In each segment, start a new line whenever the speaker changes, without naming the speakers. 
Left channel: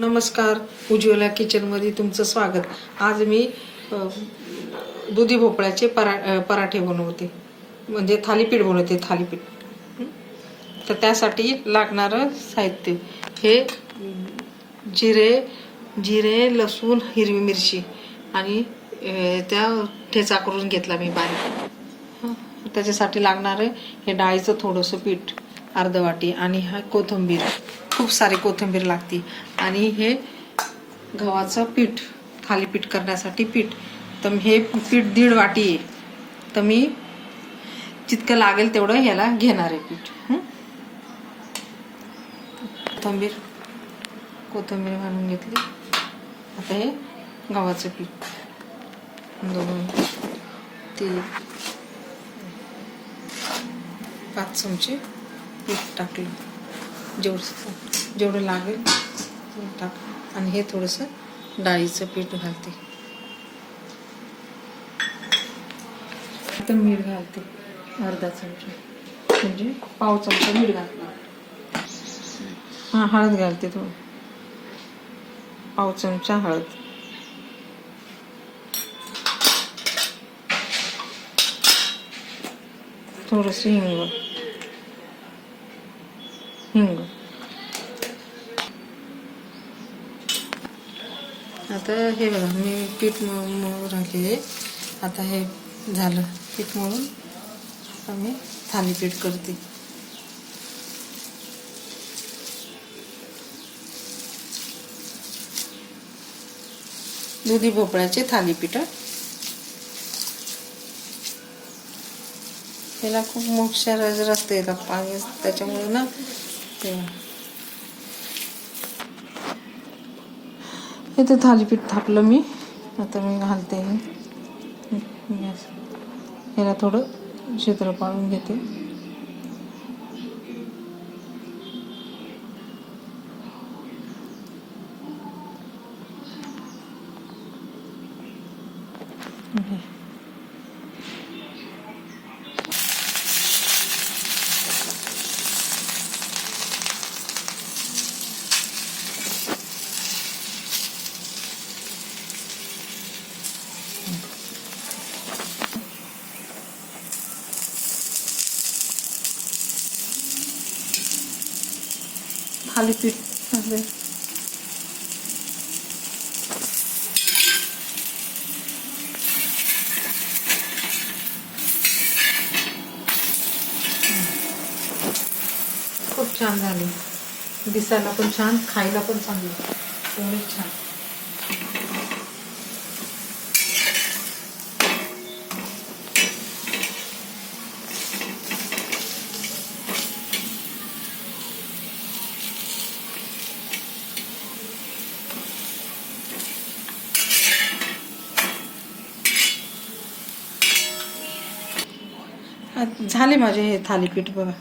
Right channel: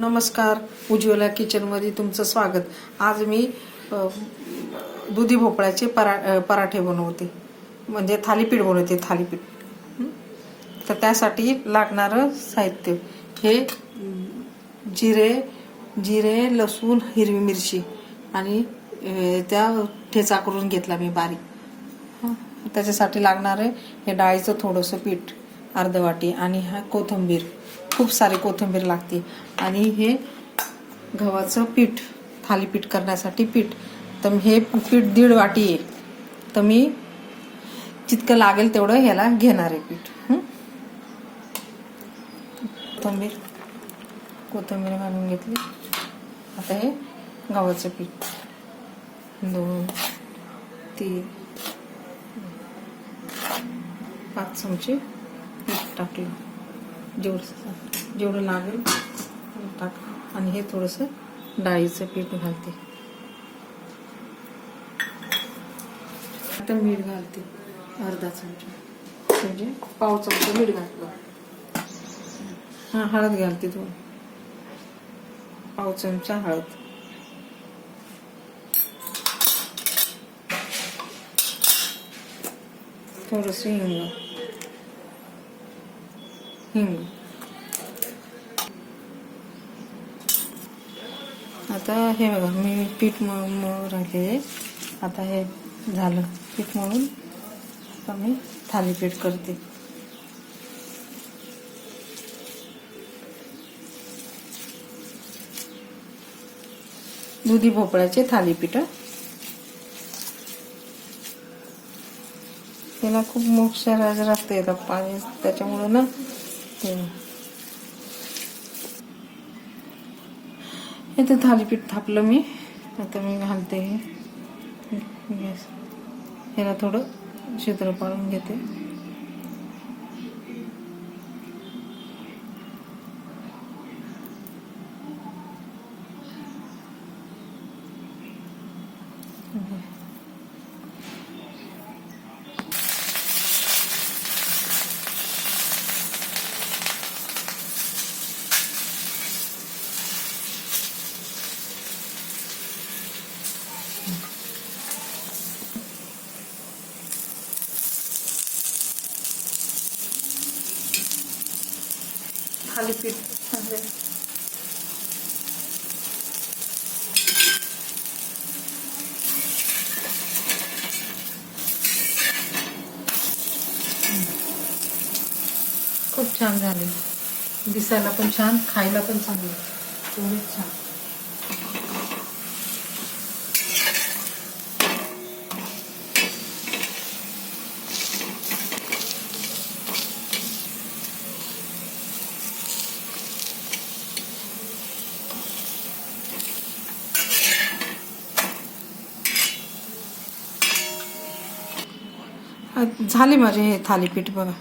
नमस्कार उज्ज्वला किचनमध्ये तुमचं स्वागत. आज मी दुधी भोपळ्याचे परा पराठे बनवते. म्हणजे थालीपीठ बनवते थालीपीठ. तर त्यासाठी लागणारं साहित्य हे जिरे जिरे लसूण हिरवी मिरची आणि त्या ठेचा करून घेतला मी बारीक. त्याच्यासाठी लागणारं हे डाळीचं थोडंसं पीठ अर्धवाटी आणि हा कोथिंबीर. खूप सारी कोथिंबीर लागते आणि हे गव्हाचं पीठ थालीपीठ करण्यासाठी पीठ. तर हे पीठ दीड वाटी आहे. तर मी जितकं लागेल तेवढं ह्याला घेणार आहे पीठ. कोथिंबीर कोथिंबीर घालून घेतली. आता हे गव्हाचं पीठ. दोन तीन पाच चमचे पीठ टाकलं. जेवढं जेवढं लागेल टाक. आणि हे थोडंसं डाळीचं पीठ घालते. आता मीठ घालते. अर्धा चमचा. म्हणजे पाव चमचा मीठ घातलं. हां हळद घालते थोडं. पाव चमचा हळद. थोडंसं हिंग. हिंग आता हे बघा मी पीठ मळून राहिले आता हे झालं पीठ मळून आता मी थालीपीठ करते. दुधी भोपळ्याचे थालीपीठ त्याला खूप मोक्षार रस्ते येतात पाणी त्याच्यामुळं ना ते हे थालीपीठ थापलं मी. आता मी घालते. हे गॅस ह्याला थोडं क्षेत्र पाळून घेते. खाली पीठ. खूप छान झाले. दिसायला पण छान खायला पण चांगले. एवढंच छान. झाले माझे हे थालीपीठ बघा.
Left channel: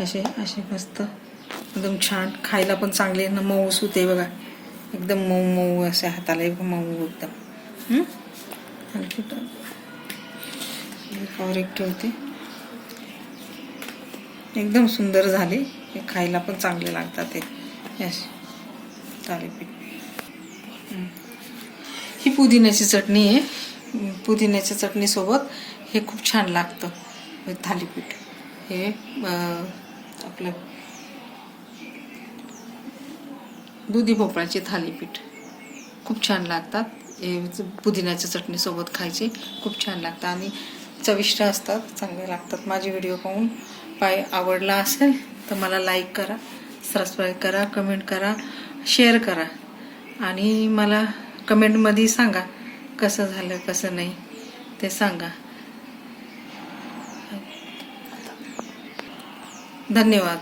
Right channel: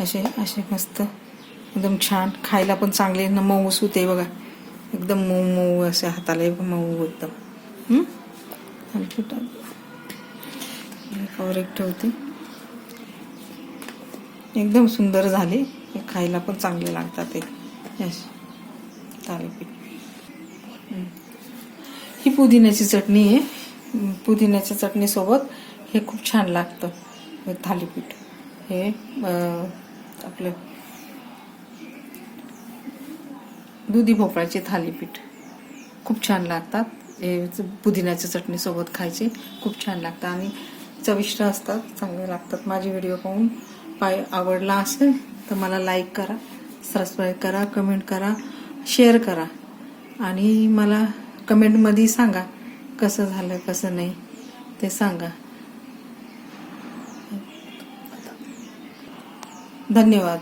असे असे मस्त. एकदम छान. खायला पण चांगले न. मऊ सुते बघा. एकदम मऊ मऊ असे हाताला एक मऊ एकदम. थालीपीठ एकावर एक ठेवते एकदम सुंदर झाले. हे खायला पण चांगले लागतात ते. असे थालीपीठ. ही. पुदिन्याची चटणी आहे. पुदिन्याच्या चटणीसोबत हे खूप छान लागतं. हे थालीपीठ. हे आपलं दुधी भोपळ्याचे थालीपीठ. खूप छान लागतात. हे पुदिन्याच्या चटणीसोबत खायचे. खूप छान लागतात आणि चविष्ट असतात. चांगले लागतात. माझे व्हिडिओ पाहून पाय आवडला असेल तर मला लाईक करा सबस्क्राईब करा कमेंट करा शेअर करा. आणि मला कमेंटमध्ये सांगा कसं झालं कसं नाही ते सांगा. धन्यवाद.